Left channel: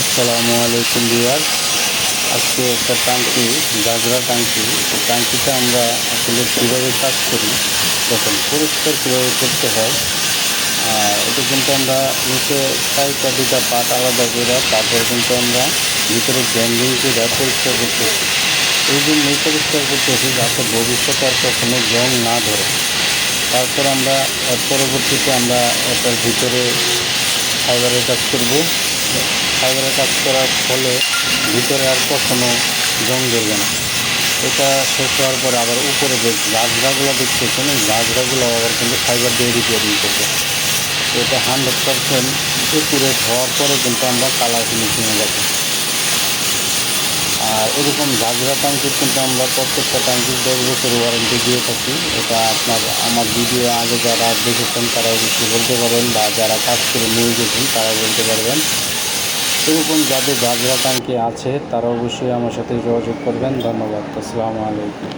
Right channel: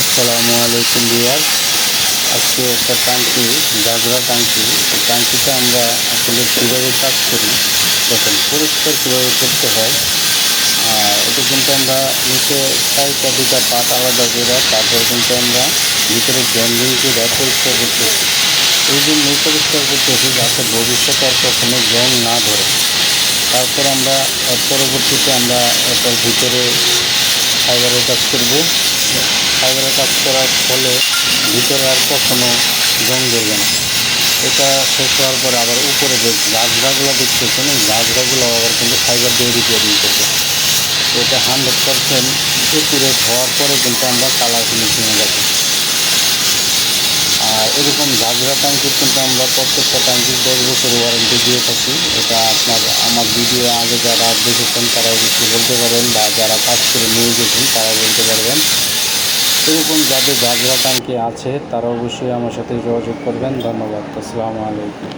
আসসালামু আলাইকুম ভিউয়ার। আজকে একটা টাঙ্কি, গাজরা টাঙ্কি, এই টাঙ্কিটা আমরা আসলে কীভাবে কাজ করি দেখেন, পরিষ্কার কীভাবে করতে হয়। এটা কিন্তু আমরা নিচে চারটা দুটা পাট আলাদা করে তারপর কিন্তু আমরা ভিতরে গ্রাইন্ডিং করে পরিষ্কার করতেছি। এই জন্যই পরিষ্কার করতেছি যাতে ভবিষ্যতে আর কখনো জং না ধরে। তারপর আমরা পরবর্তীতে আমরা এটার ভিতরে ফাইবারের কাজ করব। ফাইবারের কাজ করার ফলে ভিতরে আর কখনো জং ধরবে না। এটা শেষ হওয়ার পরে আবার উপরে যে গাছড়াগুলো দেখতেছেন, এই গাছড়াগুলো আবার কিন্তু ফাইবার দিয়ে রিপেয়ারিং করবো। তো এটা 100% একুরেট হওয়ার পরে কিন্তু আমরা কালার ফিনিশিংয়ে যাবো। আর এরকম ঝাঁঝরা ট্যাঙ্কির কিন্তু আমরা প্রত্যেকটা ট্যাঙ্কির 10 বছর ওয়ারেন্টি দিয়ে থাকি। এটা আমার ভিডিও আগে যারা দেখেছেন তারা অবশ্যই বলতে পারবেন, বা যারা কাজ করে নিয়ে গেছেন তারা বলতে পারবেন। এরকম যাদের ঝাঁঝরা ট্যাঙ্কি আছে তারা অবশ্যই আমার সাথে যোগাযোগ করবেন। ধন্যবাদ। আসসালামু আলাইকুম।